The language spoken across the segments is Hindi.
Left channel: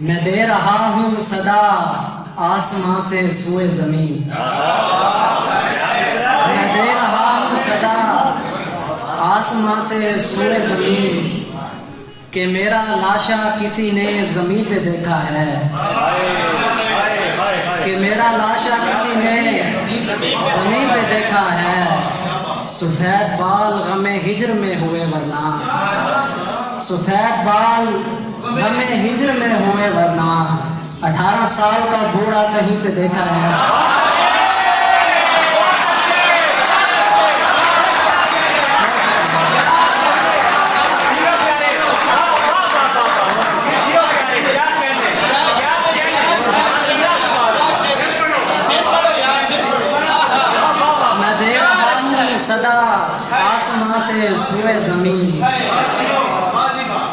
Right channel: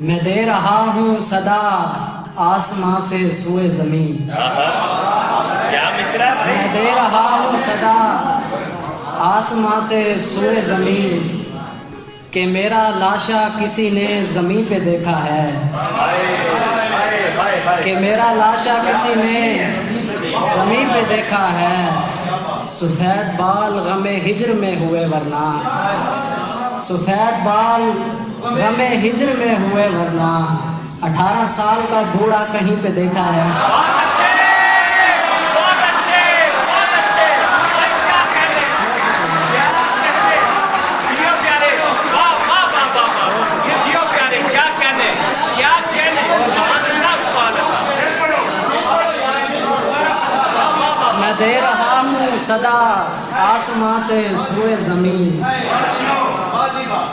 मैं दे रहा हूँ सदा आसमां से सूए ज़मीन। मैं दे रहा हूँ सदा आसमां से सूए ज़मीन कि मेरा लाशा किसी ने ज़मीन पे देखा है, कि मेरा लाशा किसी ने ज़मीन पे देखा है। सफ़ेद बाल गमे हिज्र में हुए वरना, सफ़ेद बाल गमे हिज्र में हुए वरना 18 साल का बूढ़ा कहीं पे देखा है। मैं दे रहा हूँ सदा आसमां से सूए ज़मीन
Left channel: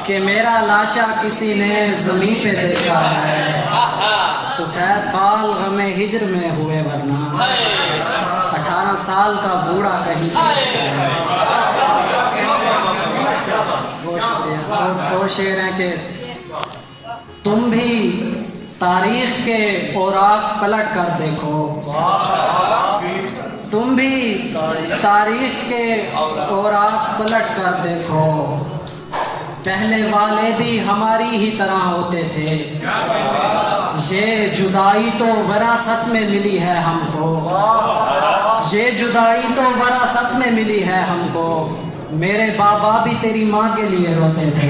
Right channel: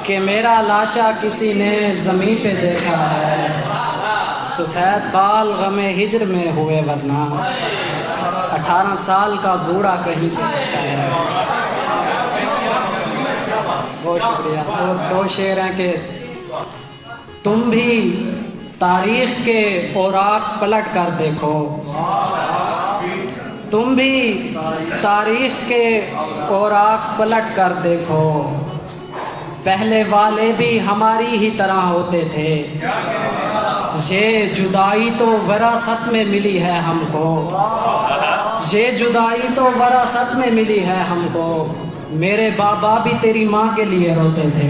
कि मेरा लाशा किसी ने ज़मीन पे देखा है। सफ़ेद बाल गमे हिज्र में हुए वरना 18 साल का बूढ़ा कहीं से देखा है। बहुत शुक्रिया। और दो शेर हैं कि तुम भी तारीख़ के औराक पलट कर देखो, तुम भी तारीख़ के औराक पलट कर देखो, पहले वाले भी हमारी ही तरह होते थे। ये जुदाई तो विरासत में मिली है हमको, ये जुदाई तो विरासत में मिली है हमको। मेरे बाबा भी तेरी माँ के लिए रोते थे।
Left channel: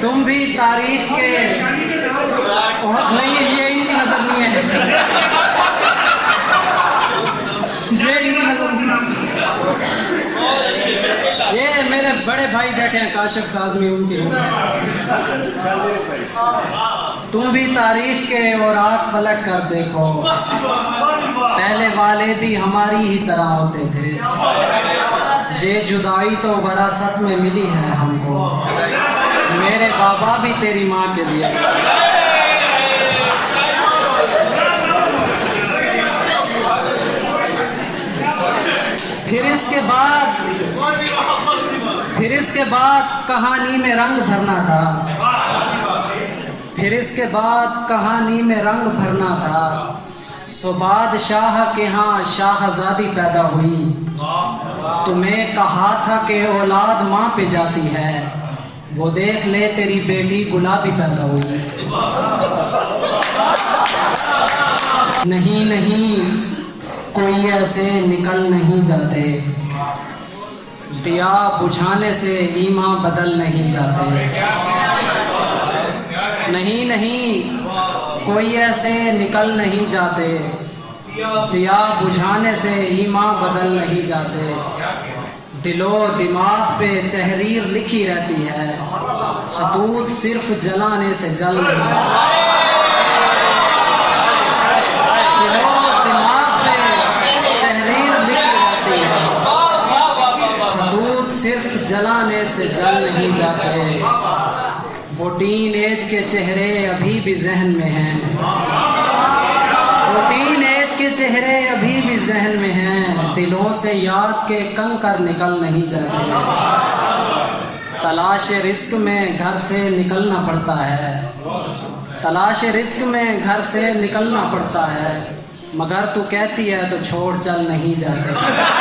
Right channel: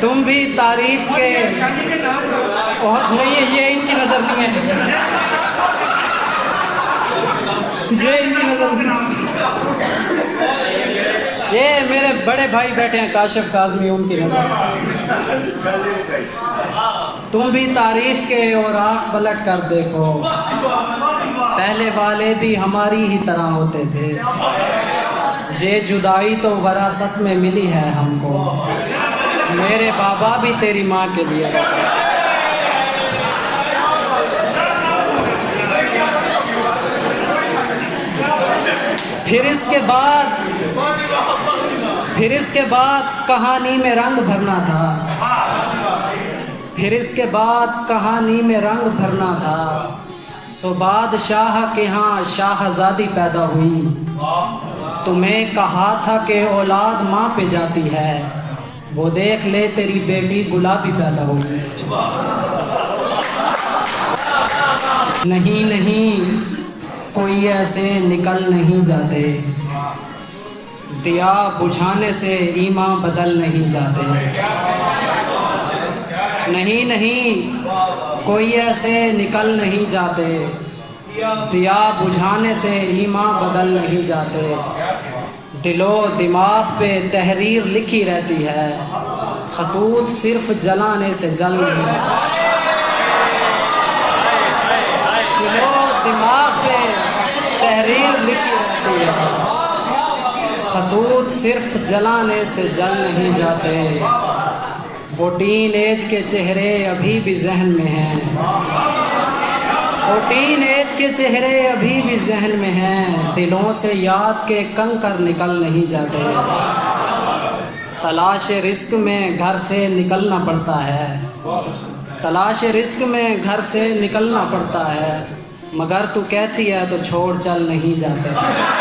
तुम भी तारीख के बहुत नहीं है, ये इनकी नज़र नहीं है, ये इनकी नज़र नहीं। ये मेरे बड़े भाई बैठे हैं काशिफ काज़मी, उनकी नज़र। तुम भी तारीख के औराक पलट कर देखो, पहले वाले भी हमारी ही तरह होते थे। ये जुदाई तो विरासत में मिली है हमको, मेरे बाबा भी तेरी माँ के लिए। फिर इसके बाद कहानी में रंग भरना था, फिर इसके बाद कहानी में रंग भरना था। सो बादशाह के यहाँ शाहजादी पैदा हुई, तुम्हें कहा था कि औलाद माँ पे जाती है, वो देख ले तेरी बेटी गुलाबी पैदा हुई। नहीं नहीं कोई ऐसे निकल नहीं जाते, दिया बुझाने से ईमान बदल नहीं जाते। नहीं नहीं कोई ऐसे निकल नहीं जाते, दिया बुझाने से ईमान बदल नहीं जाते। दिलो दिमाग पे तहरीर लिखी रहती है, खतूत सिर्फ जलाने से जल नहीं जाते। दिलो दिमाग पे तहरीर लिखी रहती है, खतूत सिर्फ जलाने से जल नहीं जाते। वो टीन एज के चेहरे अभी भी जहन में हैं, वो टीन एज के चेहरे अभी भी जहन में हैं। दिलों से याद के कंकर निकल नहीं जाते। तलाश रिस्क में घर से निकलना पड़ता है, तलाश रिस्क में घर से निकलना पड़ता है, मगर तू कहती है तो छोड़ चल नहीं जाते।